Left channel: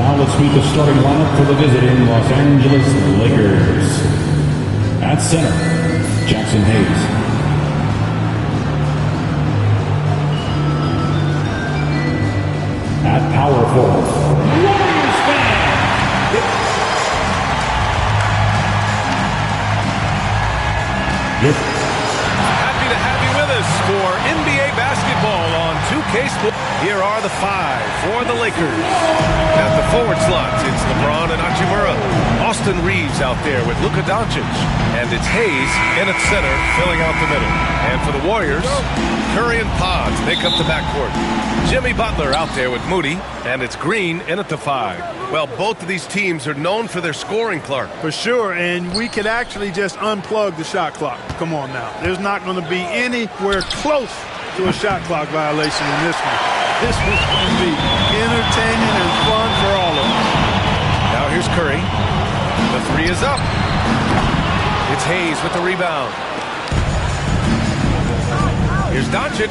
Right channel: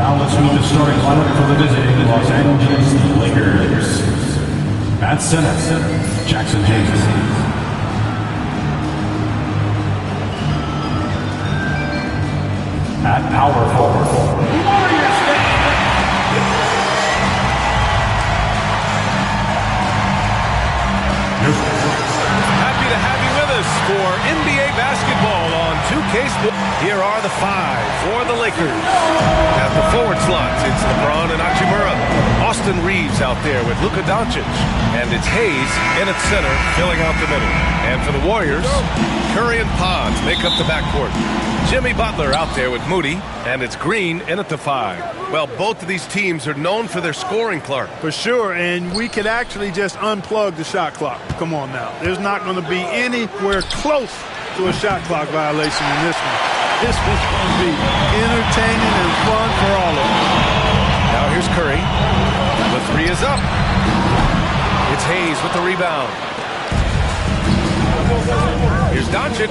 Now let's meet the starting lineup for the visiting Los Angeles Lakers. At center, Jackson Hayes. At power forward, Warriors fan. Happy to have you with us for NBA basketball on 2K Sports. Here are the five for the Lakers. At the forward slots, it's LeBron and Hachimura. Austin Reeves out there with Luka Doncic. And it's Hayes in at center, filling out the middle. And for the Warriors, Curry and Pods make up the backcourt. Jimmy Butler out there with Moody. And it's Green in at the five. Well, both of these teams are known for their scoring, Clark. For sure, and we could actually just unplug the shot clock. Come on now. There's not going to be anywhere close to a shot clock violation in this one. This one's going to be entertaining and fun for all of us. Now here's Curry. The three is up. It's Hayes with the rebound. Here's Doncic.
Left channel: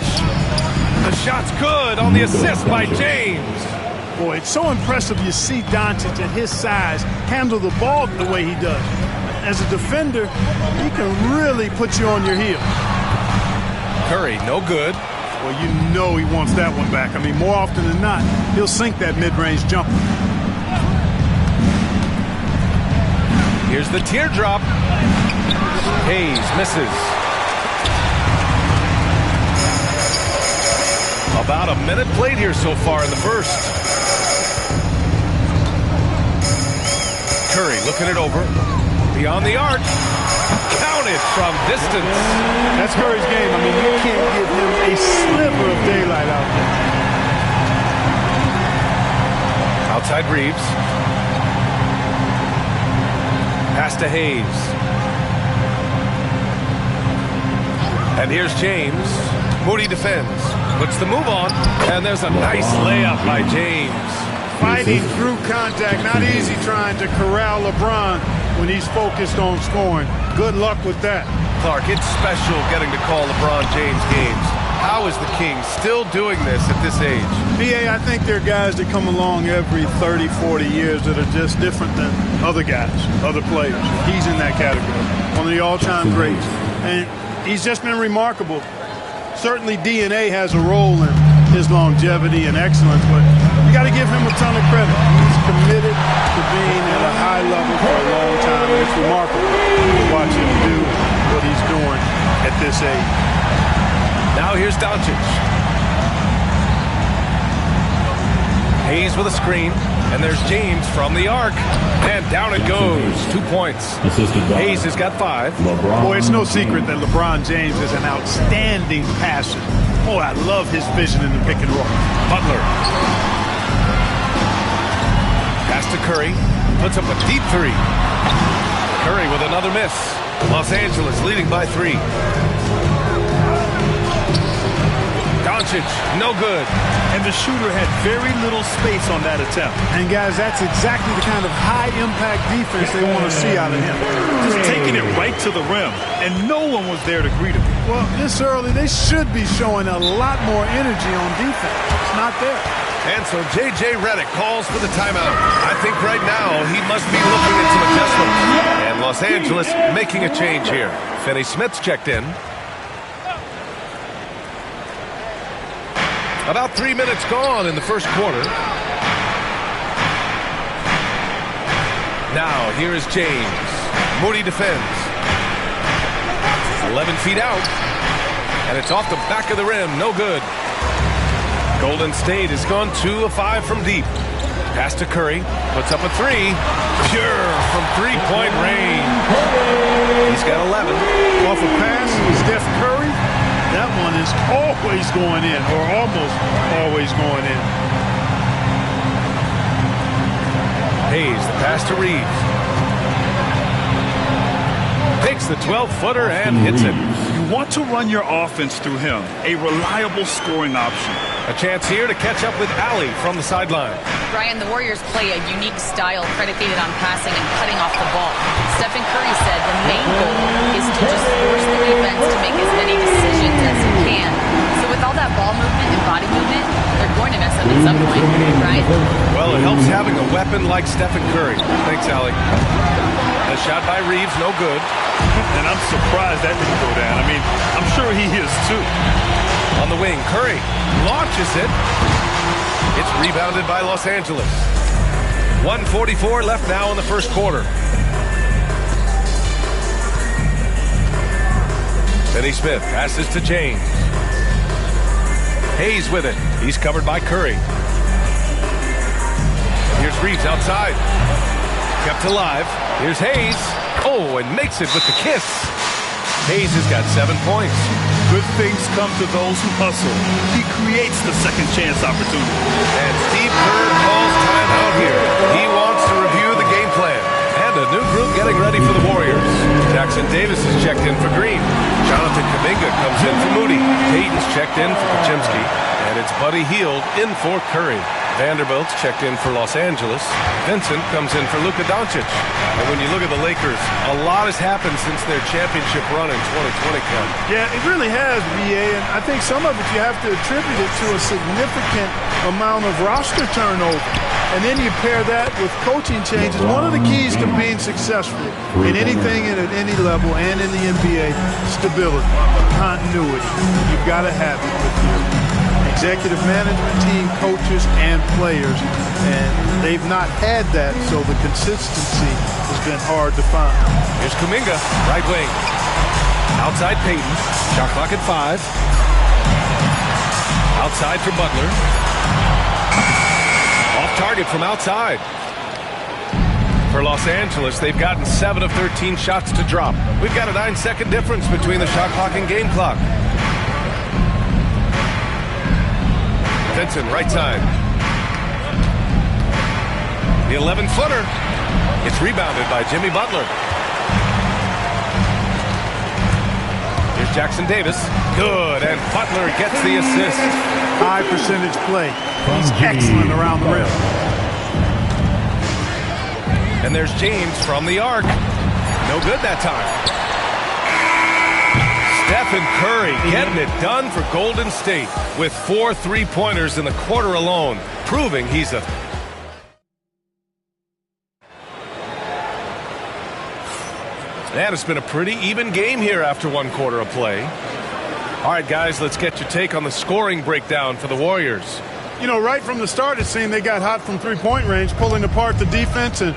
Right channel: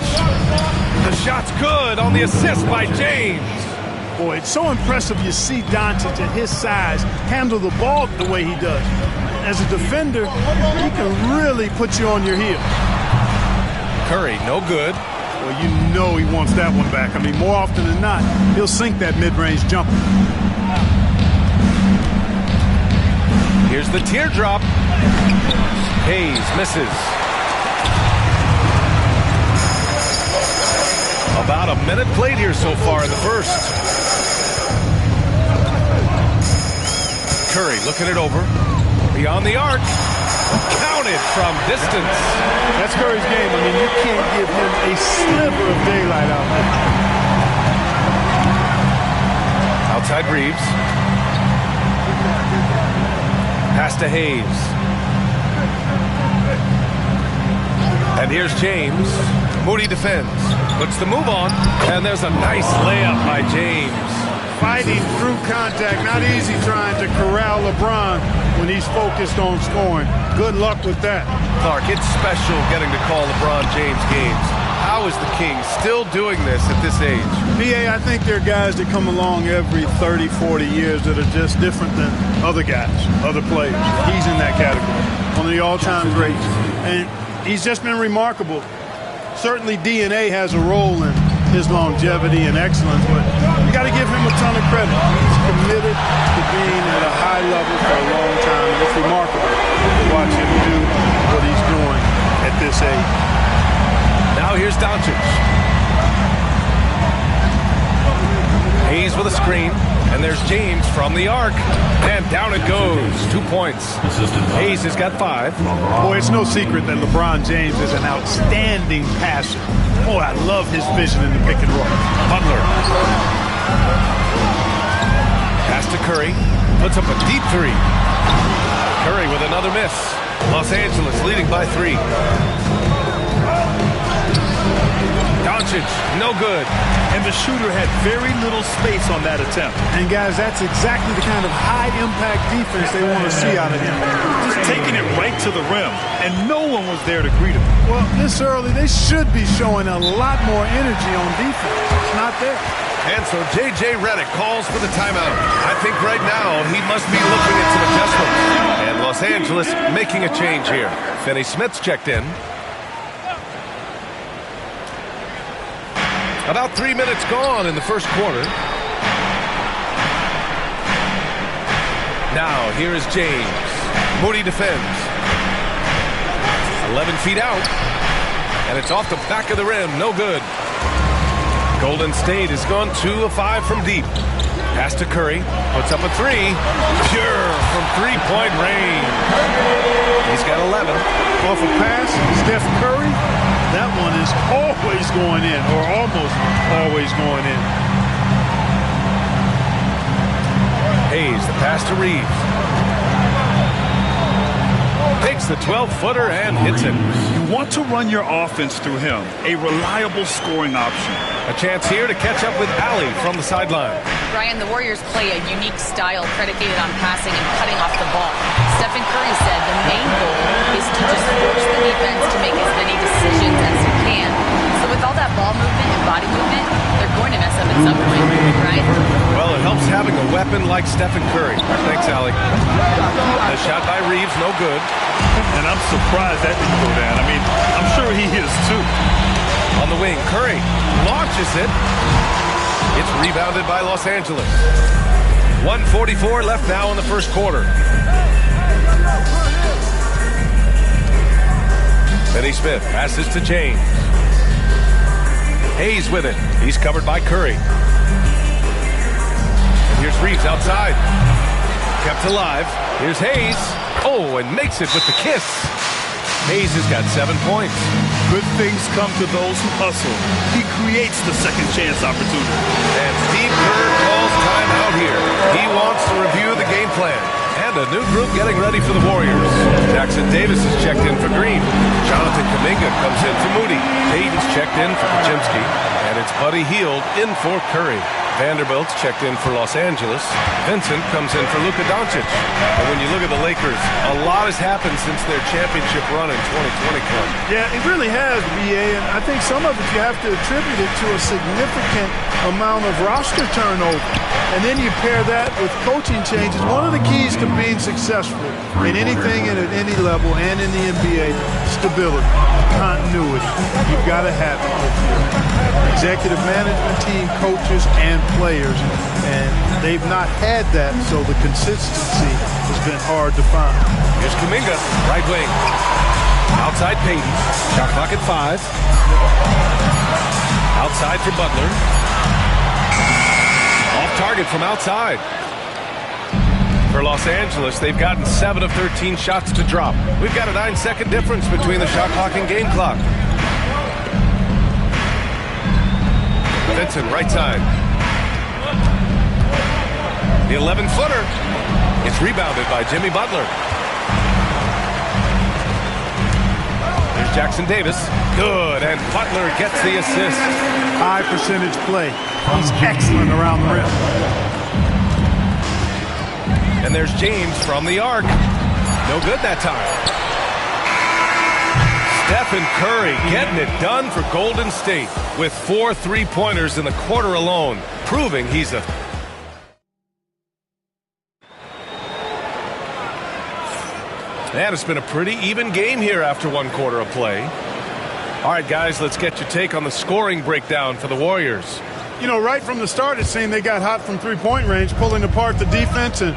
The shot's good on the assist by James. Boy, it's so impressive you see Doncic at his size handle the ball the way he does. As a defender, he can really put you on your heels. Curry, no good. Well, you know he wants that one back. I mean, more often than not, he'll sink that mid-range jumper. Here's the teardrop. Hayes misses. About a minute played here so far in the first. Curry looking it over. Beyond the arc. Counted from distance. That's Curry's game. I mean, you can't give him a sliver of daylight out there. Outside Reeves. Pass to Hayes. And here's James. Moody defends. Puts the move on. And there's a nice layup by James. Fighting through contact. Not easy trying to corral LeBron when he's focused on scoring. Good luck with that. Clark, it's special getting to call LeBron James games. How is the King still doing this at this age? BA, I think there are guys that come along every 30, 40 years that are just different than other guys, other players. He's in that category. One of the all-time greats. And he's just been remarkable. Certainly DNA has a role in his longevity and excellence, but You got to give him a ton of credit. He's committed to being at a high level for a long time, and it's remarkable to watch him do what he's doing at this age. Now here's Doncic. Hayes with a screen, and there's James from the arc, and down it goes. 2 points. Hayes has got 5. Boy, it's no secret that LeBron James is an outstanding passer. Oh, I love his vision in the pick and roll. Butler. Pass to Curry. Puts up a deep 3. Curry with another miss. Los Angeles leading by 3. Doncic, no good. And the shooter had very little space on that attempt. And, guys, that's exactly the kind of high-impact defense they want to see out of him. Just taking it right to the rim, and no one was there to greet him. Well, this early, they should be showing a lot more energy on defense. It's not there. And so J.J. Redick calls for the timeout. I think right now he must be looking at some adjustments. And Los Angeles making a change here. Finney Smith's checked in. About 3 minutes gone in the first quarter. Now, here is James. Moody defends. 11 feet out. And it's off the back of the rim. No good. Golden State has gone 2 of 5 from deep. Pass to Curry. Puts up a 3. Pure from three-point range. He's got 11. Off a pass, Steph Curry. That one is always going in, or almost always going in. Hayes, the pass to Reeves. Takes the 12-footer and hits it. You want to run your offense through him, a reliable scoring option. A chance here to catch up with Allie from the sideline. Brian, the Warriors play a unique style predicated on passing and cutting off the ball. Stephen Curry said the main goal is to just force the defense to make as many decisions as he can. So with all that ball movement and body movement, they're going to mess up at some point, right? Well, it helps having a weapon like Stephen Curry. Thanks, Allie. A shot by Reeves, no good. And I'm surprised that didn't go down. I mean, I'm sure he is too. On the wing, Curry launches it. It's rebounded by Los Angeles. 1:44 left now in the first quarter. Finney Smith passes to James. Hayes with it. He's covered by Curry. And here's Reeves outside. Kept alive. Here's Hayes. Oh, and makes it with the kiss. Hayes has got 7 points. Good things come to those who hustle. He creates the second chance opportunity. And Steve Kerr calls timeout here. He wants to review the game plan. And a new group getting ready for the Warriors. Jackson Davis is checked in for Green. Jonathan Kuminga comes in for Moody. Payton's checked in for Kuczynski. And it's Buddy Hield in for Curry. Vanderbilt's checked in for Los Angeles. Vincent comes in for Luka Doncic. And when you look at the Lakers, a lot has happened since their championship run in 2020 club. Yeah, it really has, B.A., and I think some of it you have to attribute it to a significant amount of roster turnover. And then you pair that with coaching changes. One of the keys to being successful in anything and at any level and in the NBA, stability, continuity. You've got to have it with your executive management team, coaches, and players. And they've not had that, so the consistency has been hard to find. Here's Kuminga, right wing. Outside Payton. Shot clock at 5. Outside for Butler. Off target from outside. For Los Angeles, they've gotten 7 of 13 shots to drop. We've got a 9-second difference between the shot clock and game clock. Vincent, right side. The 11-footer. It's rebounded by Jimmy Butler. Here's Jackson Davis. Good, and Butler gets the assist. High percentage play. He's excellent around the rim. And there's James from the arc. No good that time. Stephen Curry getting it done for Golden State with 4 3-pointers in the quarter alone, proving he's a... And it's been a pretty even game here after 1 quarter of play. All right, guys, let's get your take on the scoring breakdown for the Warriors. You know, right from the start, it seemed they got hot from three-point range, pulling apart the defense and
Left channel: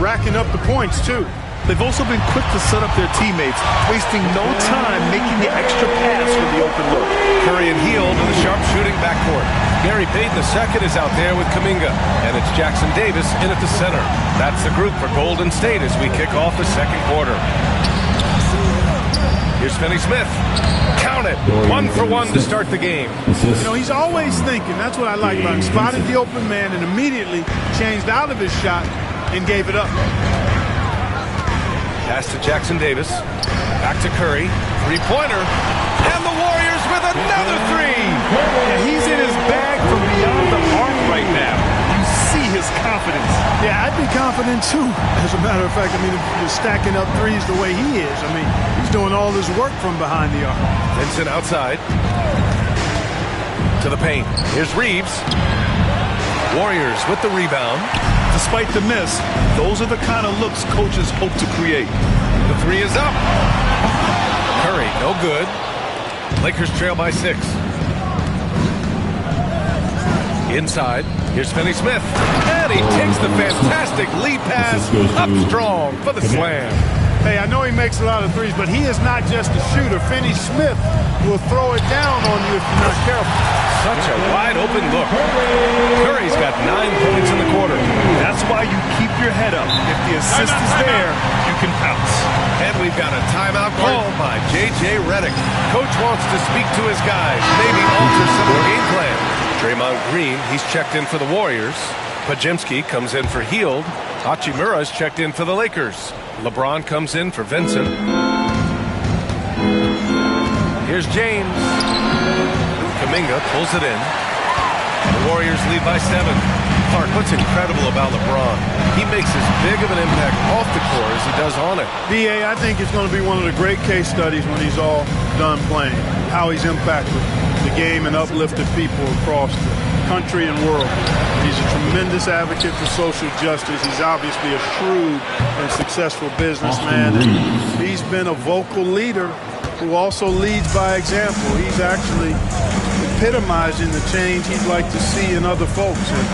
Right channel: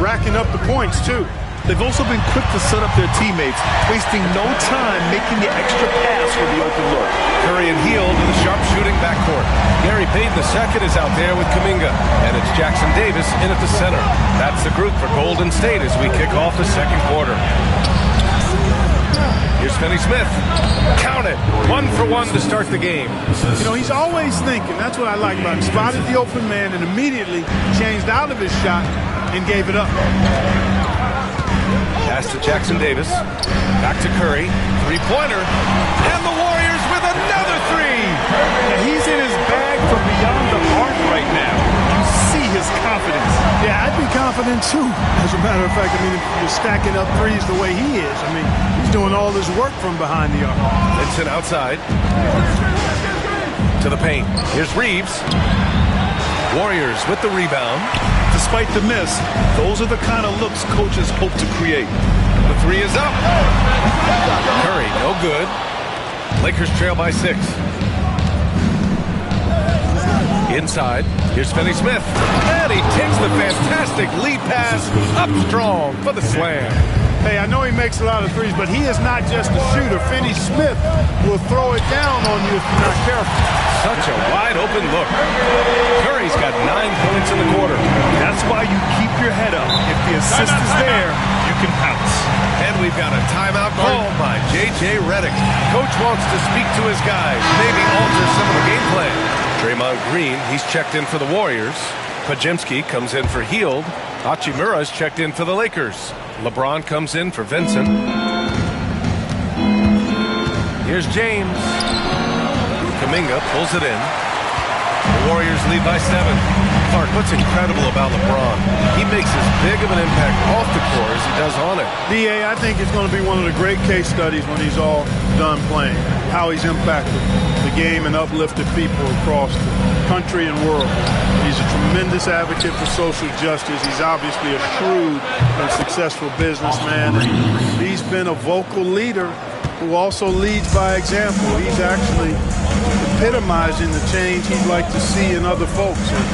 racking up the points, too. They've also been quick to set up their teammates, wasting no time making the extra pass for the open look. Curry and Hield to the sharpshooting backcourt. Gary Payton II is out there with Kuminga, and it's Jackson Davis in at the center. That's the group for Golden State as we kick off the second quarter. Here's Finney-Smith. Count it. 1 for 1 to start the game. You know, he's always thinking. That's what I like about him. Spotted the open man and immediately changed out of his shot and gave it up. Pass to Jackson Davis. Back to Curry. Three-pointer. And the Warriors with another three. Now he's in his bag from beyond the arc right now. You see his confidence. Yeah, I'd be confident too. As a matter of fact, I mean, if you're stacking up threes the way he is, I mean, he's doing all his work from behind the arc. Vincent outside. To the paint. Here's Reeves. Warriors with the rebound. Despite the miss, those are the kind of looks coaches hope to create. The three is up. Curry, no good. Lakers trail by 6. Inside, here's Finney-Smith. And he takes the fantastic lead pass up strong for the slam. Hey, I know he makes a lot of threes, but he is not just a shooter. Finney-Smith will throw it down on you if you're not careful. Such a wide open look. Curry's got 9 points in the quarter. That's why you keep your head up. If the assist is there, you can pounce. And we've got a timeout called by J.J. Redick. Coach wants to speak to his guys, maybe alter some of the game plan. Draymond Green, he's checked in for the Warriors. Pajemski comes in for Hield. Hachimura's checked in for the Lakers. LeBron comes in for Vincent. Here's James. Kuminga pulls it in. The Warriors lead by 7. Clark, what's incredible about LeBron? He makes as big of an impact off the court as he does on it. D.A., I think it's going to be one of the great case studies when he's all done playing. How he's impacted the game and uplifted people across the country and world. He's a tremendous advocate for social justice. He's obviously a shrewd and successful businessman. And he's been a vocal leader who also leads by example. He's actually epitomizing the change he'd like to see in other folks and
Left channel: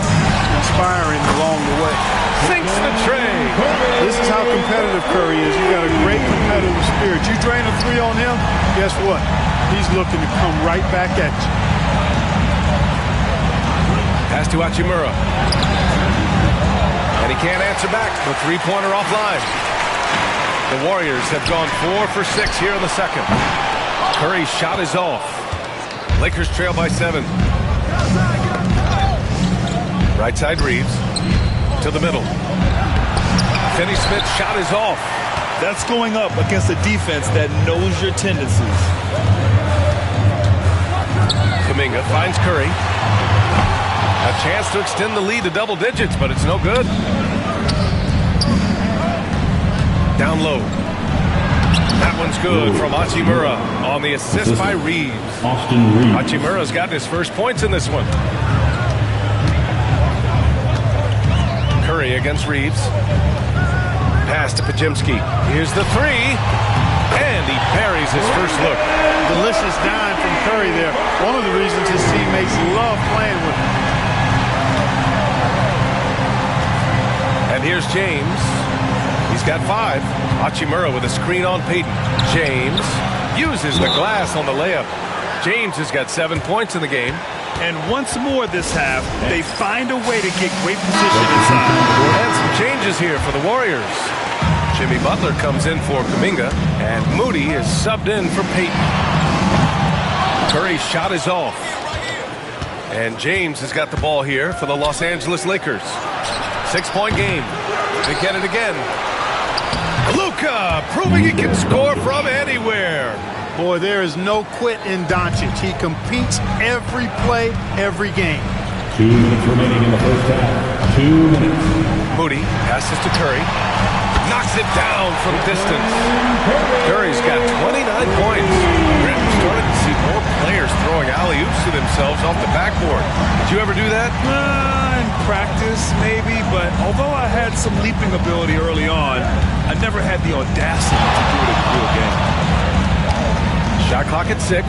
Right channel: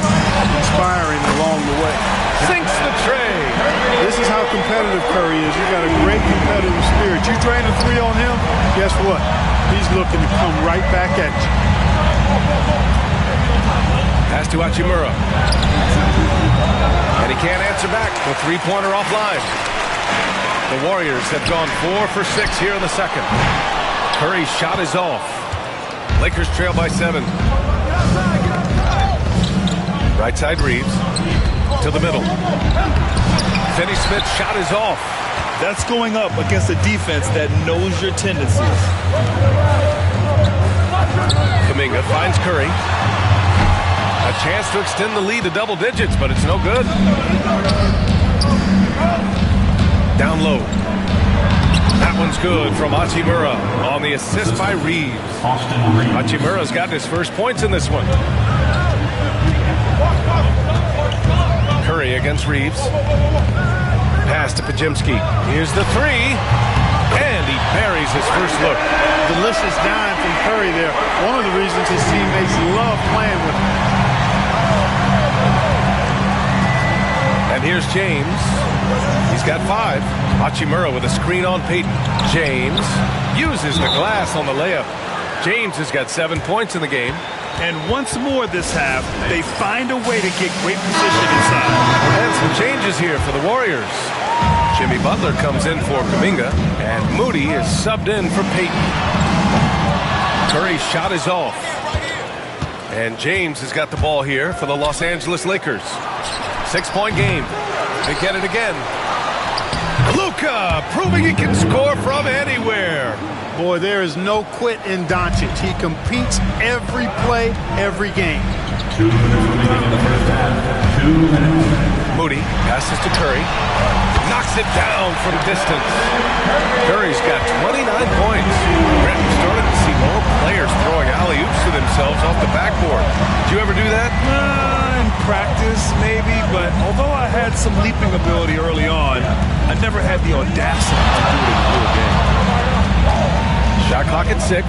inspiring along the way. Sinks the tray. This is how competitive Curry is. He's got a great competitive spirit. You drain a three on him, guess what? He's looking to come right back at you. Pass to Hachimura. And he can't answer back. The three-pointer offline. The Warriors have gone 4 for 6 here in the second. Curry's shot is off. Lakers trail by 7. Right side Reeves. To the middle. Finney-Smith's shot is off. That's going up against a defense that knows your tendencies. Kuminga finds Curry. A chance to extend the lead to double digits, but it's no good. Down low. That one's good from Hachimura on the assist by Reeves. Hachimura's gotten his first points in this one. Curry against Reeves. Pass to Pajemski. Here's the three. And he buries his first look. Delicious dime from Curry there. One of the reasons his teammates love playing with him. And here's James. He's got 5. Hachimura with a screen on Payton. James uses the glass on the layup. James has got 7 points in the game. And once more this half, they find a way to get great position inside. And some changes here for the Warriors. Jimmy Butler comes in for Kuminga, and Moody is subbed in for Payton. Curry's shot is off. And James has got the ball here for the Los Angeles Lakers. 6-point game. They get it again. Luka proving he can score from anywhere. Boy, there is no quit in Doncic. He competes every play, every game. 2 minutes remaining in the first half. 2 minutes. Moody passes to Curry. Knocks it down from distance. Curry's got 29 points. We're starting to see more players throwing alley-oops to themselves off the backboard. Did you ever do that? In practice, maybe, but although I had some leaping ability early on, I never had the audacity to do it in the real game. Shot clock at 6.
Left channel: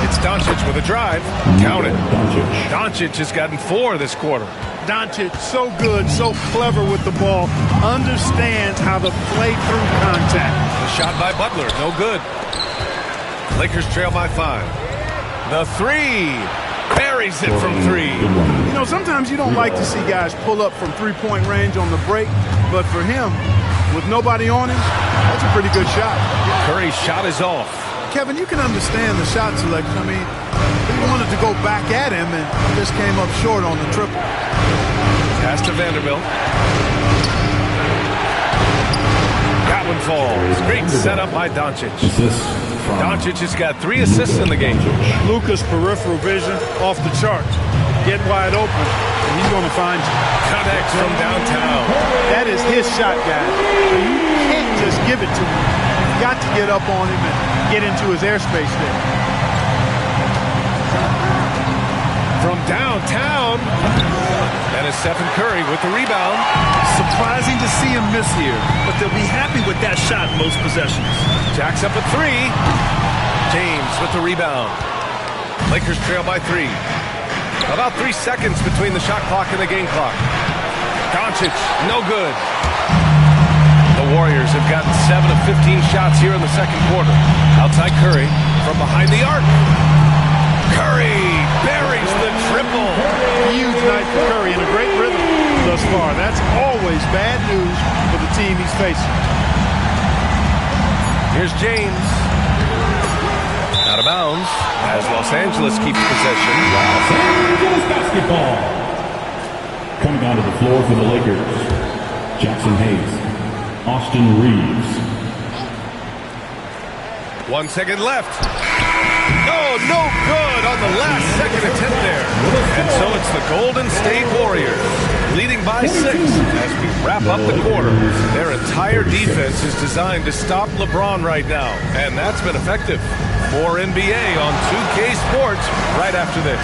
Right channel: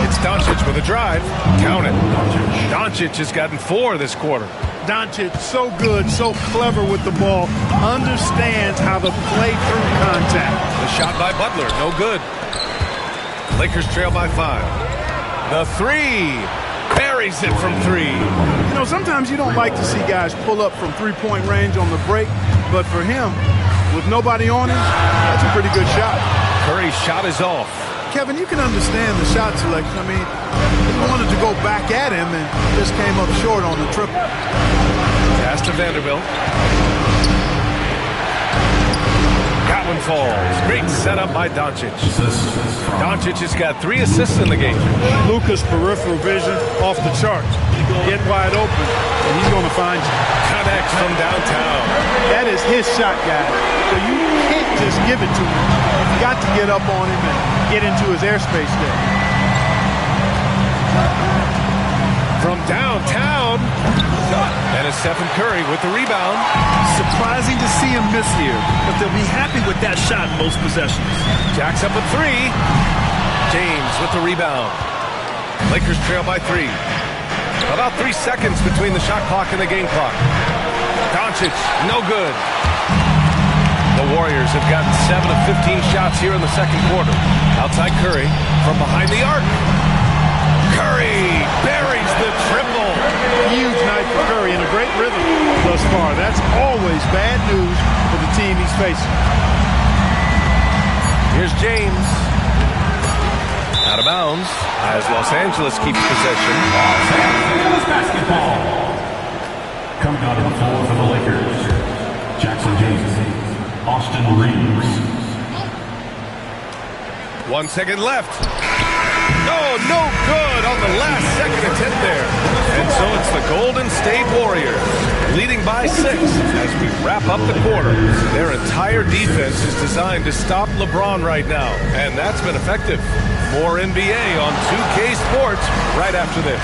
It's Doncic with a drive. Count it. Doncic has gotten 4 this quarter. Doncic, so good, so clever with the ball, understands how to play through contact. The shot by Butler, no good. Lakers trail by 5. The 3. Buries it from 3. You know, sometimes you don't like to see guys pull up from three-point range on the break, but for him, with nobody on him, that's a pretty good shot. Curry's shot is off. Kevin, you can understand the shot selection. I mean, he wanted to go back at him and just came up short on the triple. Pass to Vanderbilt. That one falls. Great setup by Doncic. Doncic has got 3 assists in the game. Luka's peripheral vision off the charts. Get wide open, and he's going to find you. Connects from downtown. That is his shot, guys. So you can't just give it to him. You've got to get up on him and get into his airspace there. From downtown. That is Stephen Curry with the rebound. Surprising to see him miss here, but they'll be happy with that shot in most possessions. Jacks up at 3. James with the rebound. Lakers trail by 3. About 3 seconds between the shot clock and the game clock. Doncic, no good. The Warriors have gotten 7 of 15 shots here in the second quarter. Outside Curry from behind the arc. Curry buries the triple. Huge night for Curry and a great rhythm thus far. That's always bad news for the team he's facing. Here's James. Out of bounds as Los Angeles keeps possession. Los Angeles basketball. Coming onto the floor for the Lakers, Jackson Hayes, Austin Reeves. 1 second left. Oh, no good on the last second attempt there. And so it's the Golden State Warriors leading by 6 as we wrap up the quarter. Their entire defense is designed to stop LeBron right now, and that's been effective. More NBA on 2K Sports right after this.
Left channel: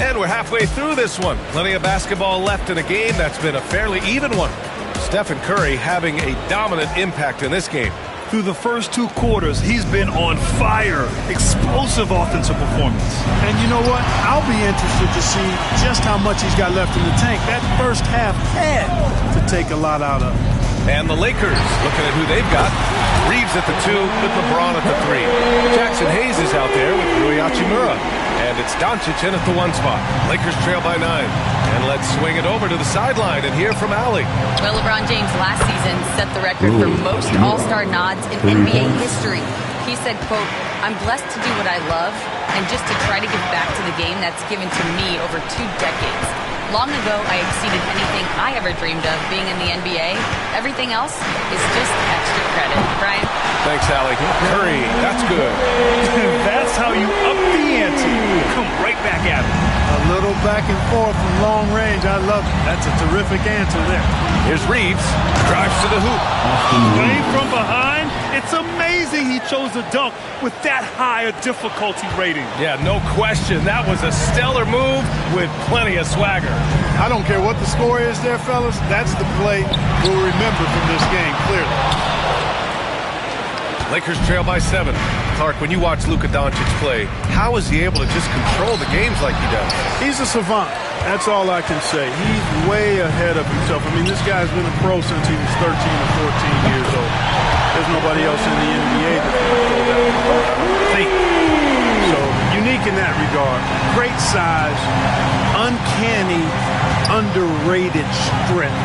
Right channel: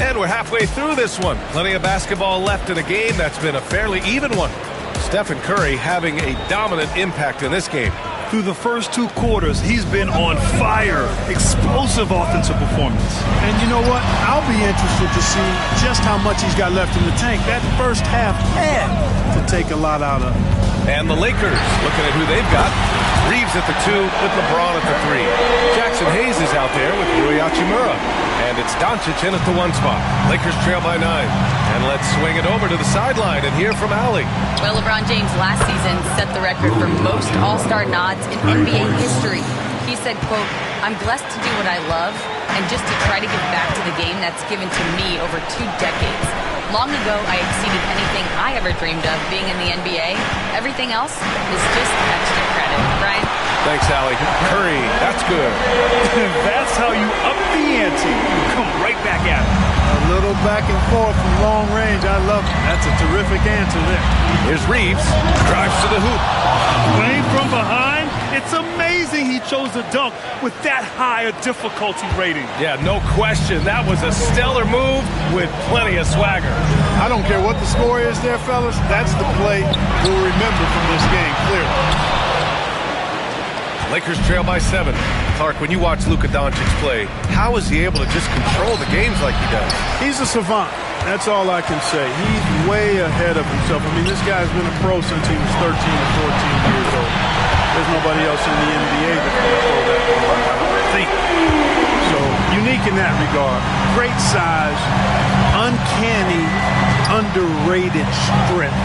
And we're halfway through this one. Plenty of basketball left in a game that's been a fairly even one. Stephen Curry having a dominant impact in this game. Through the first 2 quarters, he's been on fire. Explosive offensive performance. And you know what? I'll be interested to see just how much he's got left in the tank. That first half had to take a lot out of. And the Lakers looking at who they've got. Reeves at the 2 with LeBron at the 3. Jackson Hayes is out there with Rui Hachimura. And it's Doncic in at the 1 spot. Lakers trail by 9. And let's swing it over to the sideline and hear from Allie. Well, LeBron James last season set the record for most All-Star nods in NBA history. He said, quote, "I'm blessed to do what I love and just to try to give back to the game that's given to me over 2 decades. Long ago, I exceeded anything I ever dreamed of being in the NBA. Everything else is just extra credit." Brian? Thanks, Allie. Curry, that's good. That's how you up the ante. Come right back at it. A little back and forth from long range. I love it. That's a terrific answer there. Here's Reeves. Drives to the hoop. Playing from behind, it's amazing he chose to dunk with that high a difficulty rating. Yeah, no question. That was a stellar move with plenty of swagger. I don't care what the score is there, fellas. That's the play we'll remember from this game, clearly. Lakers trail by 7. Clark, when you watch Luka Doncic play, how is he able to just control the games like he does? He's a savant. That's all I can say. He's way ahead of himself. I mean, this guy's been a pro since he was 13 or 14 years old. There's nobody else in the NBA that's going to throw that long, I don't think. So, unique in that regard. Great size, uncanny, underrated strength.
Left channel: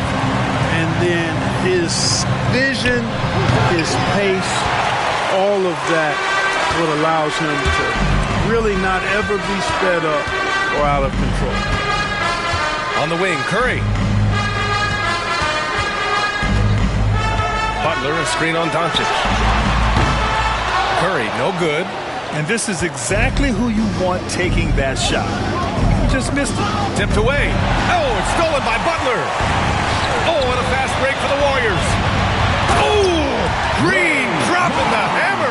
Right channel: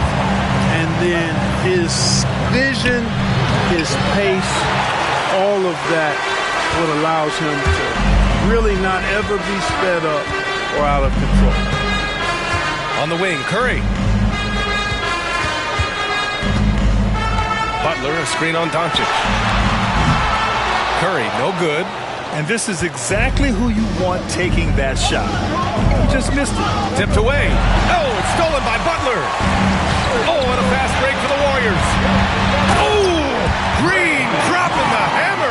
And then his vision, his pace, all of that, what allows him to really not ever be sped up or out of control. On the wing, Curry. Butler, a screen on Doncic. Curry, no good. And this is exactly who you want taking that shot. He just missed it. Tipped away. Oh, it's stolen by Butler. Oh, and a fast break for the Warriors. Oh, Green dropping the hammer.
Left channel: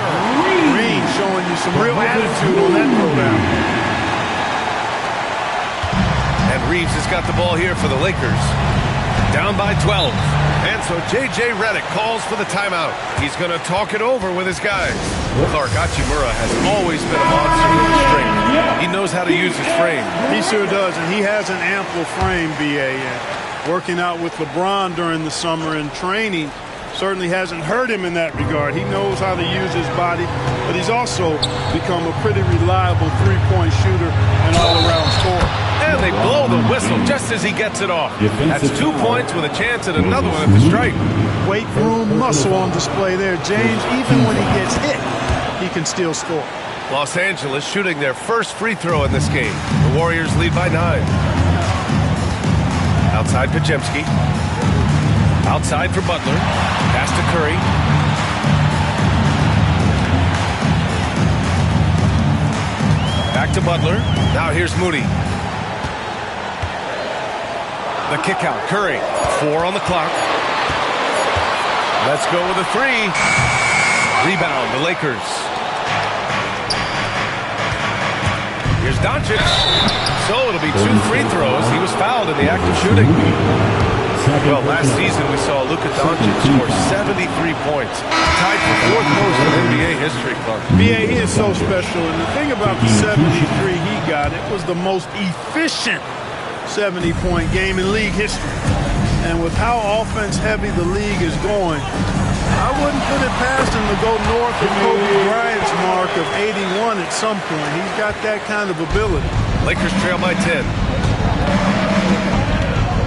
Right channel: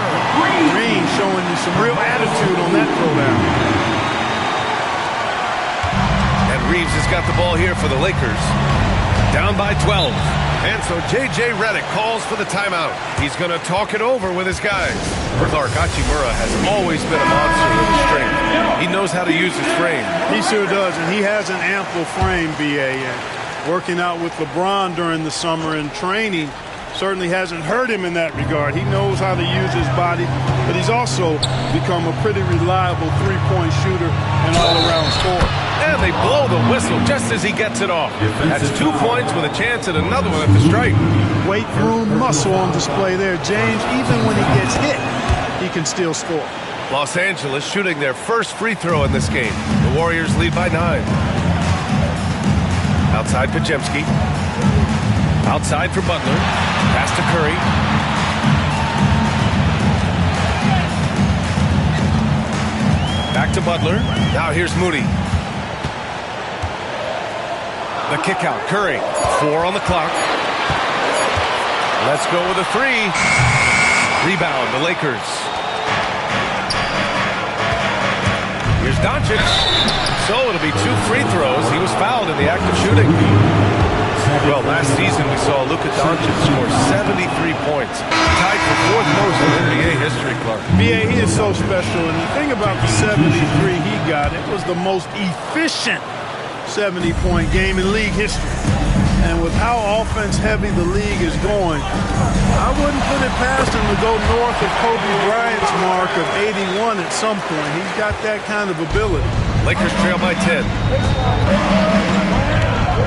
Green showing you some real attitude on that throwdown. And Reeves has got the ball here for the Lakers. Down by 12. And so J.J. Redick calls for the timeout. He's going to talk it over with his guys. Clark Hachimura has always been a monster with his strength. He knows how to use his frame. He sure does, and he has an ample frame, B.A. And working out with LeBron during the summer and training certainly hasn't hurt him in that regard. He knows how to use his body, but he's also become a pretty reliable three-point shooter and all-around scorer. And they blow the whistle just as he gets it off. That's 2 points with a chance at another one at the stripe. Weight room muscle on display there, James. Even when he gets hit, he can still score. Los Angeles shooting their first free throw in this game. The Warriors lead by 9. Outside Podziemski. Outside for Butler. Pass to Curry. Back to Butler. Now here's Moody. The kick out. Curry. 4 on the clock. Let's go with a 3. Rebound, the Lakers. Here's Doncic. So it'll be 2 free throws. He was fouled in the act of shooting. Well, last season we saw Luka Doncic score 73 points. Tied for 4th most in NBA history, Clark. B.A., he is so special. And the thing about the 73 he got, it was the most efficient 70-point game in league history. And with how offense-heavy the league is going, I wouldn't put it past him to go north of Kobe Bryant's mark of 81 at some point. He's got that kind of ability. Lakers trail by 10.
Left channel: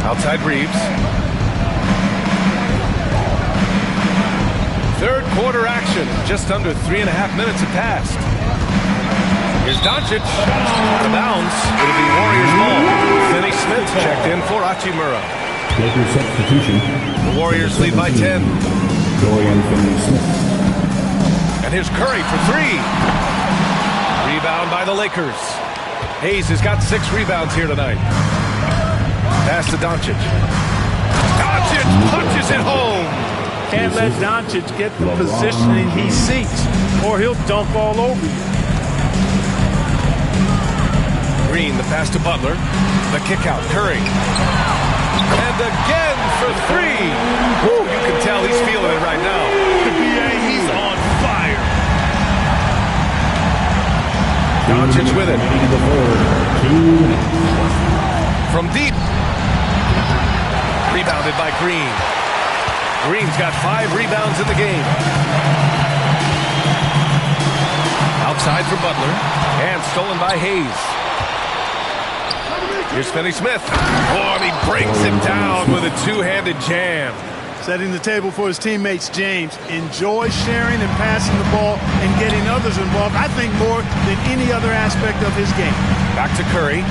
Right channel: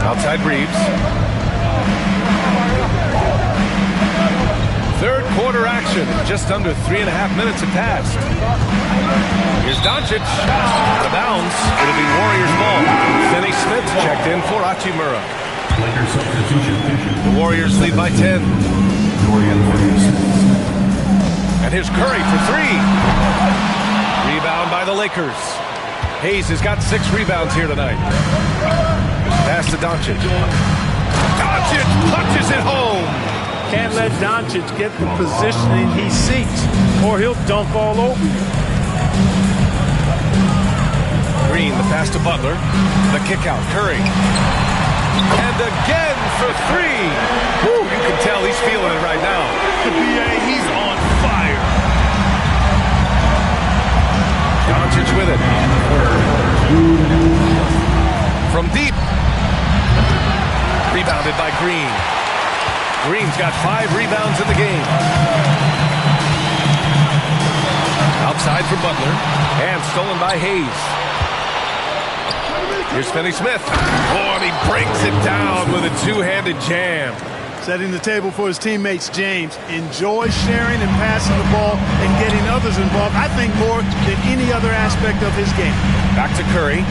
Outside Reeves. Third quarter action. Just under 3.5 minutes have passed. Here's Doncic. Out of bounds. It'll be Warriors ball. Finney Smith checked in for Hachimura. Lakers substitution. The Warriors lead by 10. Dorian Finney-Smith. And here's Curry for 3. Rebound by the Lakers. Hayes has got 6 rebounds here tonight. Pass to Doncic. Doncic punches it home. Can't let Doncic get the positioning he seeks, or he'll dunk all over you. Green, the pass to Butler. The kick out. Curry. And again for 3. Woo, you can tell he's feeling it right now. The BA, he's on fire. Doncic with it. From deep. Rebounded by Green. Green's got 5 rebounds in the game. Outside for Butler. And stolen by Hayes. Here's Finney Smith. Oh, and he breaks it down with a 2-handed jam. Setting the table for his teammates, James. Enjoy sharing and passing the ball and getting others involved, I think, more than any other aspect of his game. Back to Curry.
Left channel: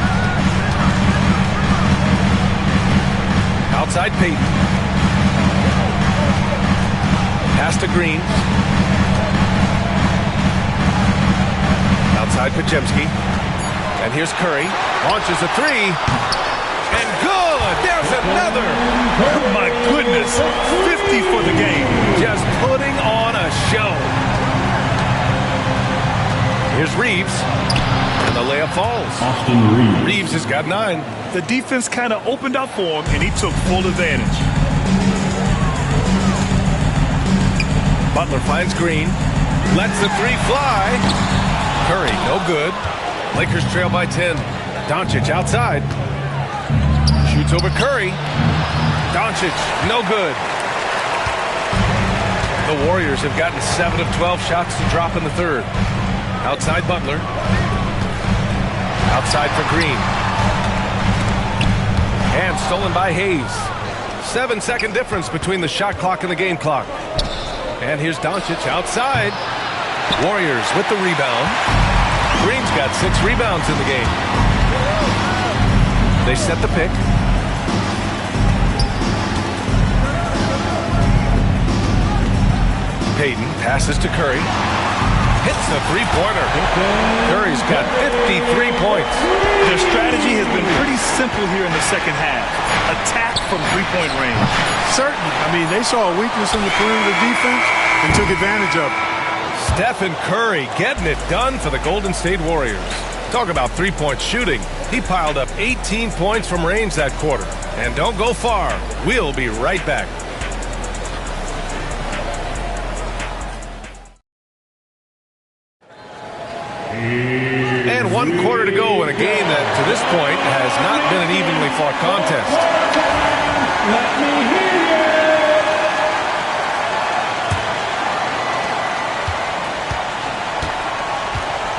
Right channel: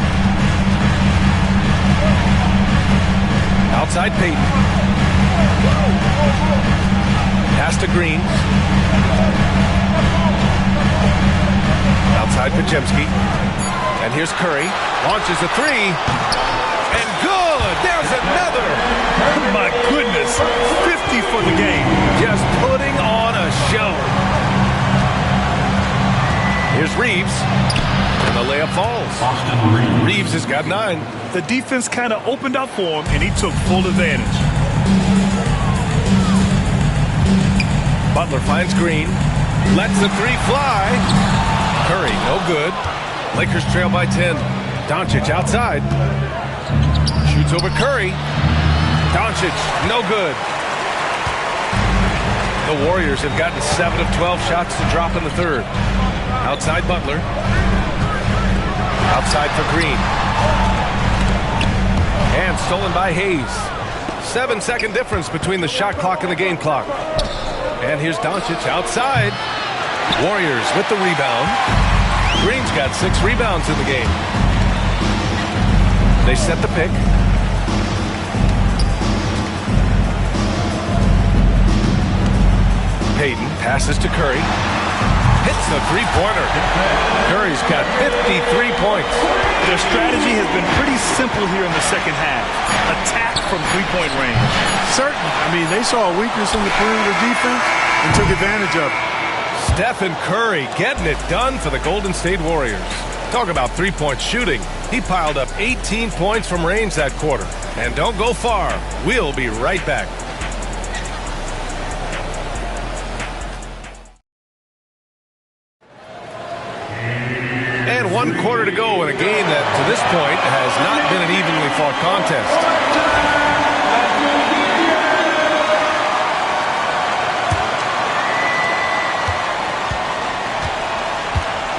Outside Payton. Pass to Green. Outside Podziemski. And here's Curry. Launches a 3. And good! There's another! Oh my goodness. 50 for the game. Just putting on a show. Here's Reeves. And the layup falls. Austin Reeves. Reeves has got 9. The defense kind of opened up for him, and he took full advantage. Butler finds Green. Lets the 3 fly. Curry, no good. Lakers trail by 10. Doncic outside. Shoots over Curry. Doncic, no good. The Warriors have gotten 7 of 12 shots to drop in the third. Outside Butler. Outside for Green. And stolen by Hayes. 7-second difference between the shot clock and the game clock. And here's Doncic outside. Warriors with the rebound. Green's got 6 rebounds in the game. They set the pick. Payton passes to Curry. Hits a 3-pointer. Curry's got 53 points. Their strategy has been pretty simple here in the second half. Attack from 3-point range. Certainly. I mean, they saw a weakness in the perimeter defense and took advantage of it. Stephen Curry getting it done for the Golden State Warriors. Talk about three-point shooting. He piled up 18 points from range that quarter. And don't go far. We'll be right back. And 1 quarter to go in a game that, to this point, has not been an evenly fought contest.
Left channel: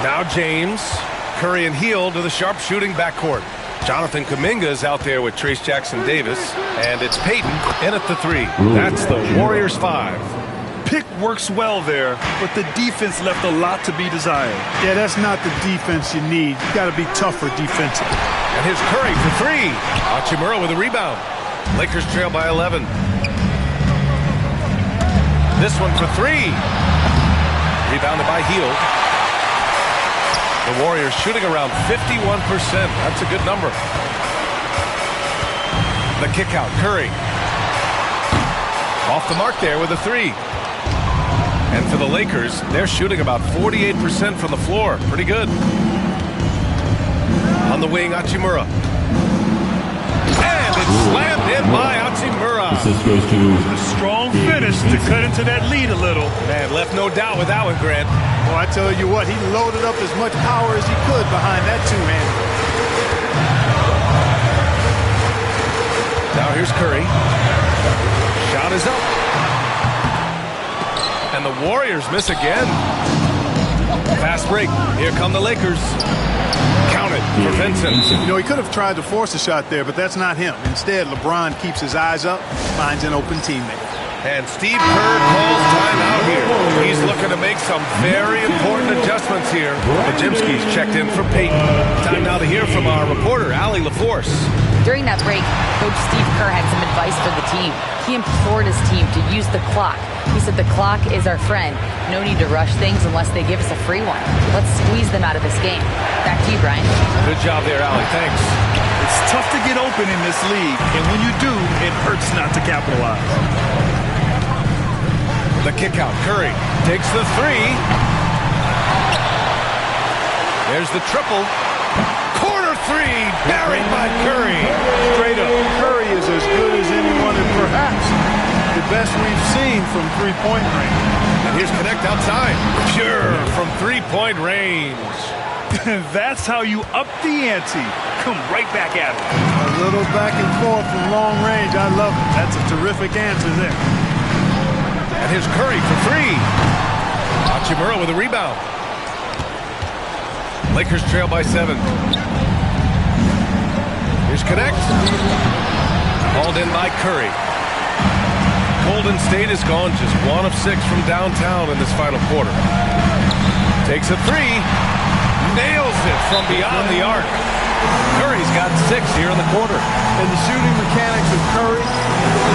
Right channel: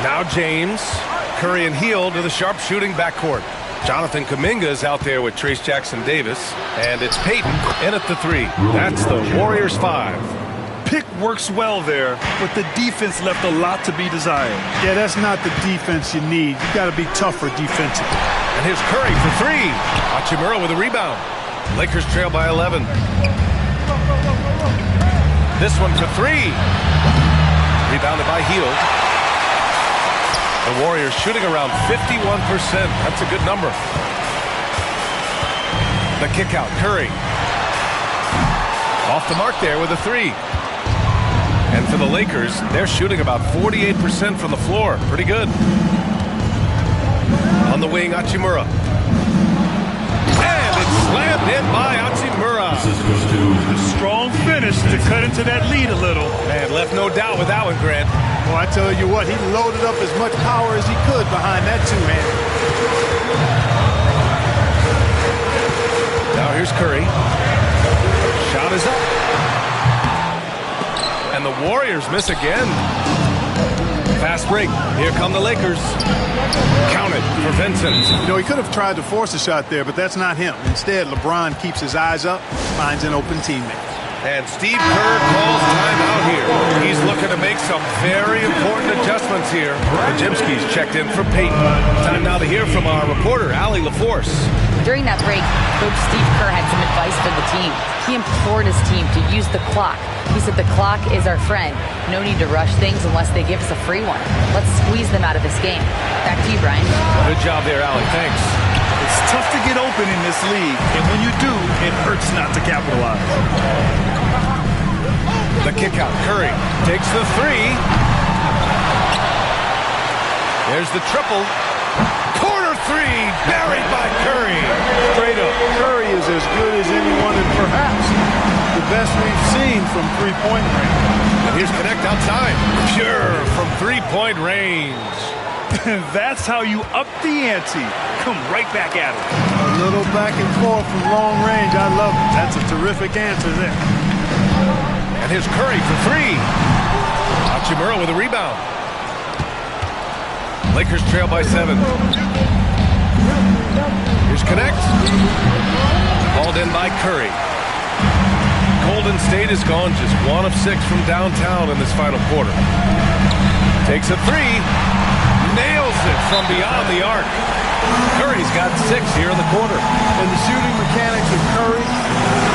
Now James, Curry and Hield to the sharp-shooting backcourt. Jonathan Kuminga's out there with Trace Jackson-Davis, and it's Payton in at the 3. That's the Warriors 5. Pick works well there, but the defense left a lot to be desired. Yeah, that's not the defense you need. You got to be tougher defensively. And here's Curry for 3. Hachimura with a rebound. Lakers trail by 11. This one for 3. Rebounded by Hield. The Warriors shooting around 51%. That's a good number. The kick out, Curry. Off the mark there with a 3. And for the Lakers, they're shooting about 48% from the floor. Pretty good. On the wing, Hachimura. And it's slammed in by Hachimura. Assist goes to A strong finish to cut into that lead a little. Man, left no doubt with that one, Grant. Well, I tell you what, he loaded up as much power as he could behind that two-hander. Now here's Curry. Shot is up. And the Warriors miss again. Fast break. Here come the Lakers. Count it for Vincent. You know, he could have tried to force a shot there, but that's not him. Instead, LeBron keeps his eyes up, finds an open teammate. And Steve Kerr calls timeout here. He's looking to make some very important adjustments here. Bajimski's checked in for Payton. Time now to hear from our reporter, Allie LaForce. During that break, Coach Steve Kerr had some advice for the team. He implored his team to use the clock. He said the clock is our friend. No need to rush things unless they give us a free one. Let's squeeze them out of this game. Back to you, Brian. Good job there, Allie. Thanks. It's tough to get open in this league, and when you do, it hurts not to capitalize. The kick out. Curry takes the 3. There's the triple. Corner 3 buried by Curry. Straight up, Curry is as good as anyone and perhaps the best we've seen from three-point range. And here's Connect outside. Pure from three-point range. That's how you up the ante. Come right back at it. A little back and forth from long range. I love it. That's a terrific answer there. And here's Curry for 3. Hachimura with a rebound. Lakers trail by 7. Here's Connect. Hauled in by Curry. Golden State has gone just 1 of 6 from downtown in this final quarter. Takes a 3. Nails it from beyond the arc. Curry's got 6 here in the quarter. And the shooting mechanics of Curry,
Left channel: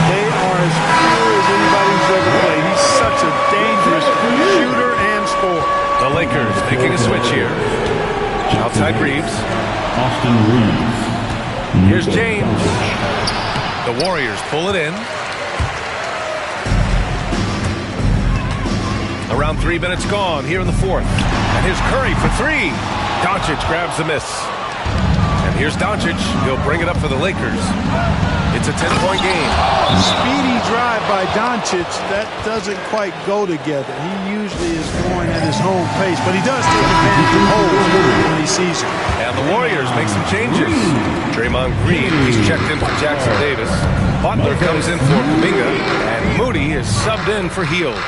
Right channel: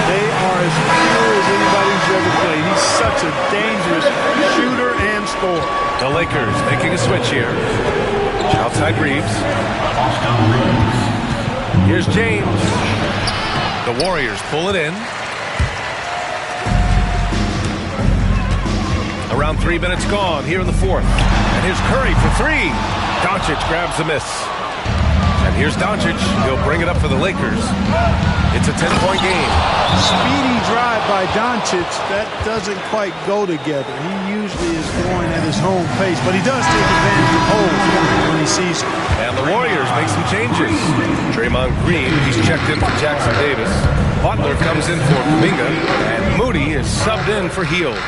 they are as pure as anybody who's ever played. He's such a dangerous shooter and scorer. The Lakers making a switch here. Outside Reeves. Austin Reeves. Here's James. The Warriors pull it in. Around 3 minutes gone here in the 4th. And here's Curry for 3. Doncic grabs the miss. And here's Doncic. He'll bring it up for the Lakers. It's a 10-point game. Speedy drive by Doncic. That doesn't quite go together. He usually is going at his home pace, but he does take advantage of holes when he sees it. And the Warriors make some changes. Draymond Green, he's checked in for Jackson Davis. Butler comes in for Kuminga. And Moody is subbed in for Hield.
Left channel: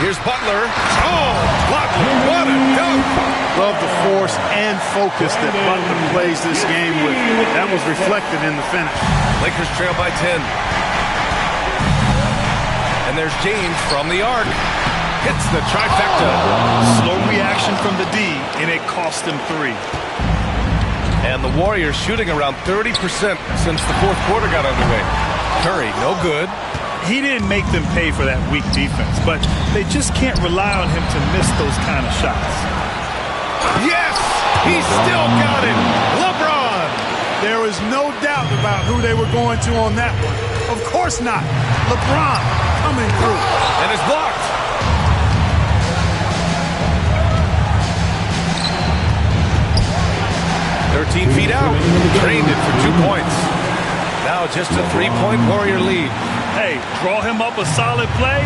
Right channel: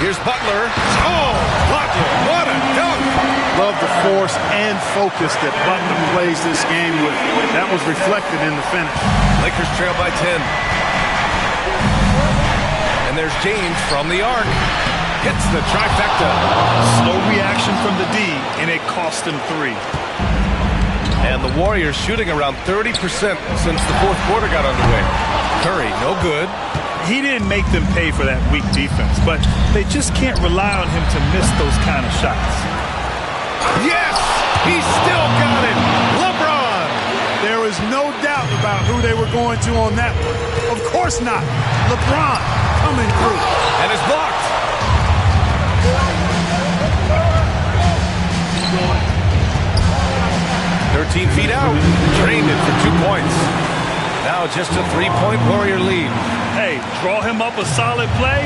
Here's Butler. Oh, Butler, what a dunk. Love the force and focus that Butler plays this game with. That was reflected in the finish. Lakers trail by 10. And there's James from the arc. Hits the trifecta. Slow reaction from the D, and it cost him 3. And the Warriors shooting around 30% since the 4th quarter got underway. Curry, no good. He didn't make them pay for that weak defense, but they just can't rely on him to miss those kind of shots. Yes! He still got it! LeBron! There is no doubt about who they were going to on that one. Of course not. LeBron coming through. And it's blocked. 13 feet out. Drained it for 2 points. Now just a 3-point Warrior lead. Hey, draw him up a solid play,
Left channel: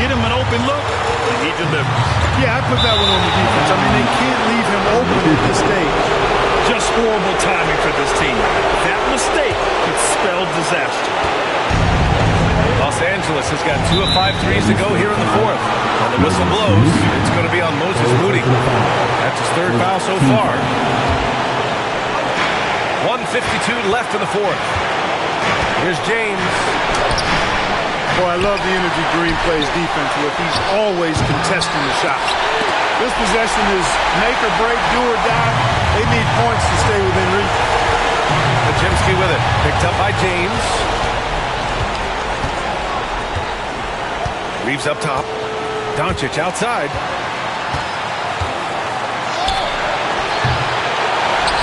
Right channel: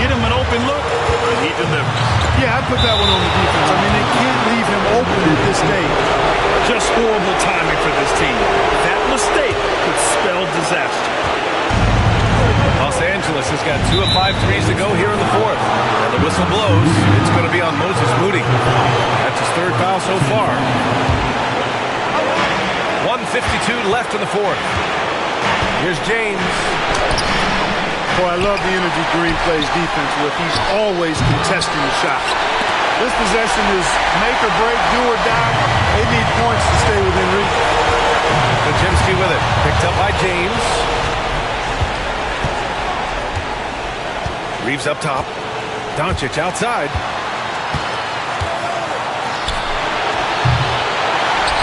get him an open look, and he delivers. Yeah, I put that one on the defense. I mean, they can't leave him open at this stage. Just horrible timing for this team. That mistake could spell disaster. Los Angeles has got 2 of 5 threes to go here in the fourth. And the whistle blows. It's going to be on Moses Moody. That's his 3rd foul so far. 1:52 left in the fourth. Here's James. Boy, I love the energy Green plays defense with. He's always contesting the shot. This possession is make or break, do or die. They need points to stay within reach. Pajemski with it. Picked up by James. Reeves up top. Doncic outside.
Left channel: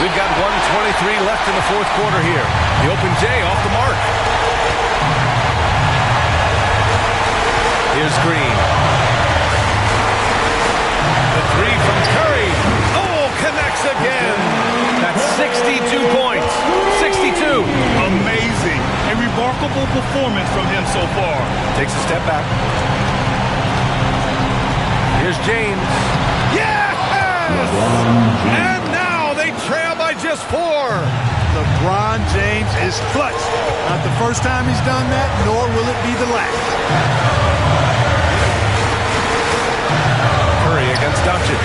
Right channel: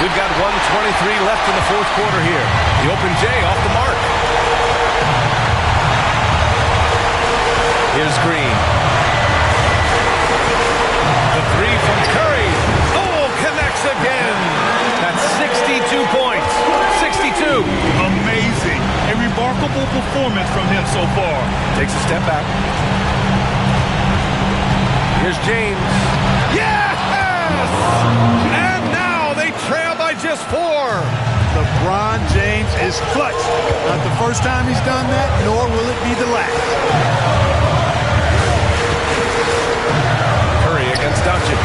We've got 1:23 left in the fourth quarter here. The open J off the mark. Here's Green. The 3 from Curry. Oh, connects again. That's 62 points. 62. Amazing. A remarkable performance from him so far. Takes a step back. Here's James. Yes! And now they trail by just 4. LeBron James is clutch. Not the first time he's done that, nor will it be the last. Curry against Doncic.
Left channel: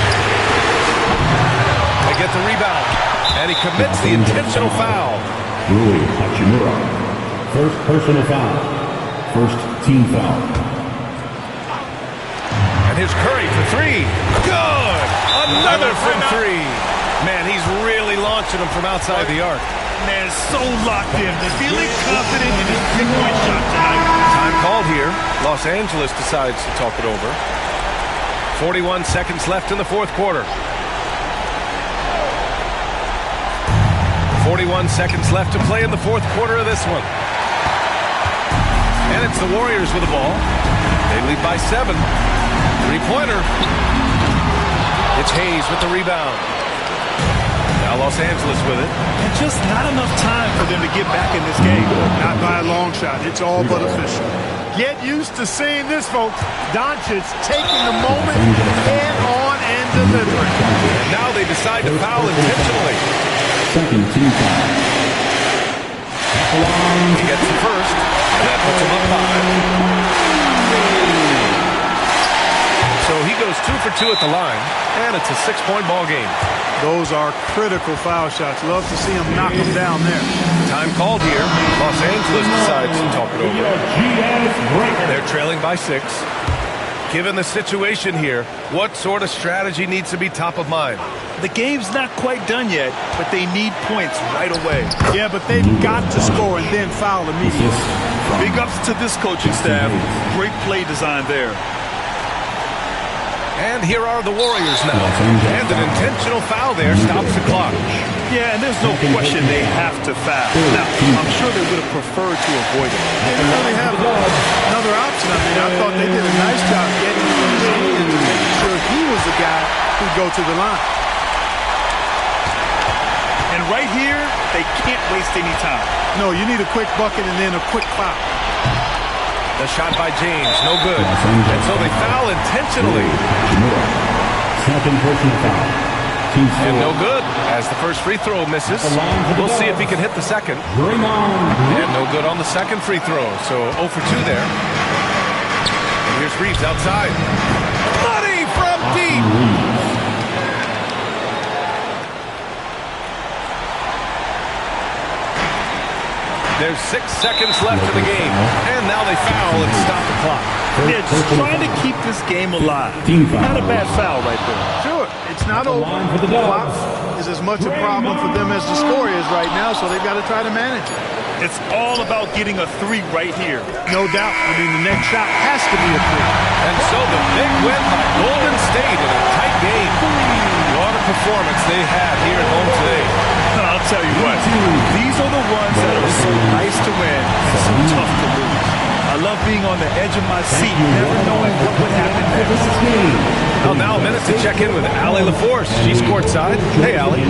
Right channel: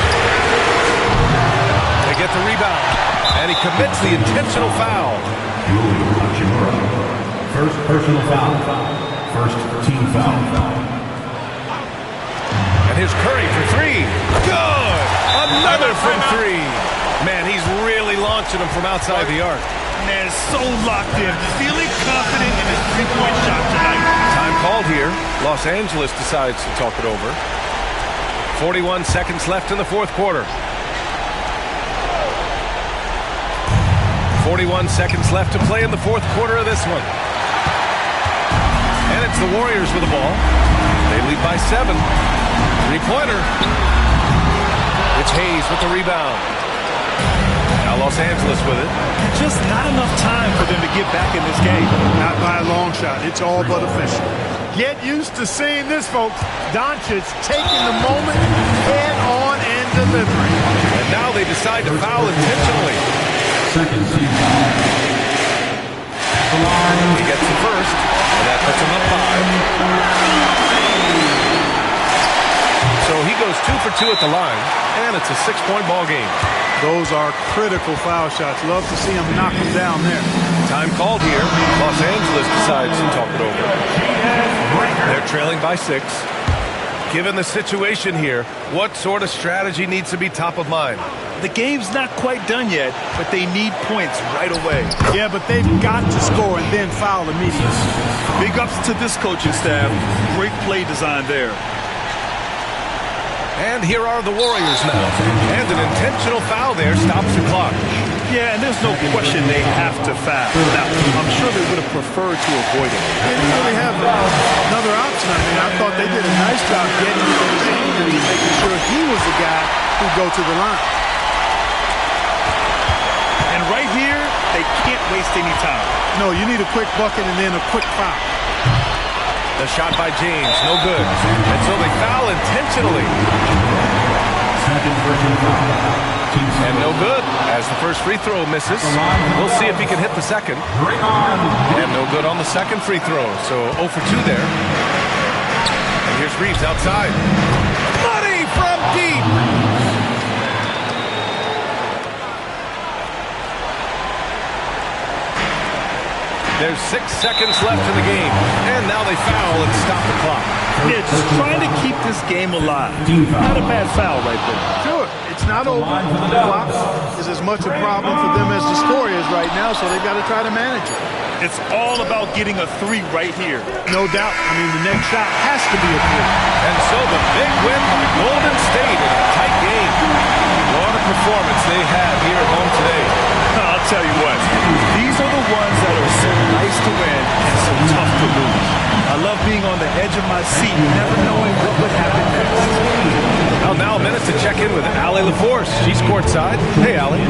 They get the rebound. And he commits the intentional foul. Rui Hachimura. First personal foul. First team foul. And here's Curry for 3. Good! Another from 3. Man, he's really launching them from outside the arc. Man, so locked in. Feeling confident in his 3-point shot tonight. Time called here. Los Angeles decides to talk it over. 41 seconds left in the fourth quarter. 41 seconds left to play in the fourth quarter of this one. And it's the Warriors with the ball. They lead by 7. 3-pointer. It's Hayes with the rebound. Now Los Angeles with it. And just not enough time for them to get back in this game. Not by a long shot. It's all but official. Get used to seeing this, folks. Doncic taking the moment, head on, and delivering. And now they decide to foul intentionally. Second team foul. He gets the first, and that puts him up 5. So he goes 2 for 2 at the line, and it's a 6-point ball game. Those are critical foul shots. Love to see him knock them down there. Time called here. Los Angeles decides to talk it over. They're trailing by 6. Given the situation here, what sort of strategy needs to be top of mind? The game's not quite done yet, but they need points right away. Yeah, but they've got to score and then foul immediately. Big ups to this coaching staff. Great play design there. And here are the Warriors now. And an intentional foul there stops the clock. Yeah, and there's no question they have to foul. Now, I'm sure they would have preferred to avoid it. They didn't really have another option. I mean, I thought they did a nice job getting in his hands and making sure he was the guy who'd go to the line. And right here, they can't waste any time. No, you need a quick bucket and then a quick foul. The shot by James, no good. And so they foul intentionally. Second personal foul. And no good, as the first free throw misses. We'll see if he can hit the second. And no good on the second free throw, so 0 for 2 there. And here's Reeves outside. Money from deep! There's 6 seconds left in the game. And now they foul and stop the clock. Yeah, just trying to keep this game alive. Not a bad foul right there. Sure, it's not over. The clock is as much a problem for them as the score is right now, so they've got to try to manage it. It's all about getting a 3 right here. No doubt. I mean, the next shot has to be a 3. And so the big win by Golden State in a tight game. What a performance they had here at home today. I'll tell you what, these are the ones that are so nice to win and so tough to lose. I love being on the edge of my seat, never knowing what would happen next. Well, now a minute to check in with Allie LaForce. She's courtside. Hey, Allie.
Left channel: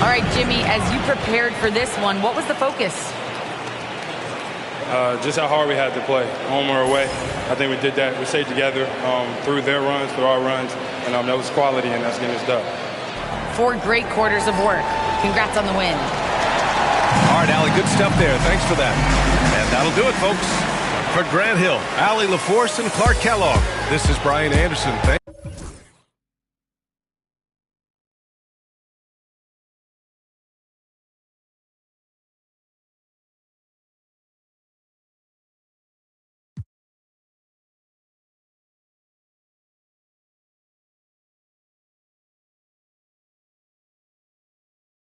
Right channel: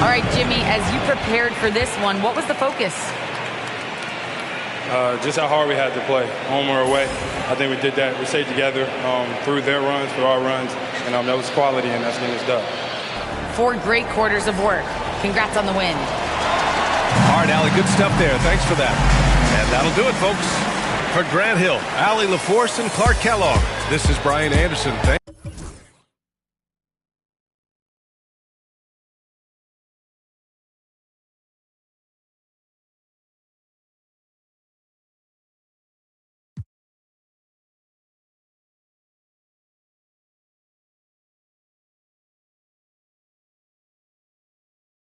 All right, Jimmy, as you prepared for this one, what was the focus? Just how hard we had to play, home or away. I think we did that. We stayed together through their runs, through our runs, and that was quality, and that's getting us done. 4 great quarters of work. Congrats on the win. All right, Allie, good stuff there. Thanks for that. And that'll do it, folks. For Grant Hill, Allie LaForce, and Clark Kellogg, this is Brian Anderson.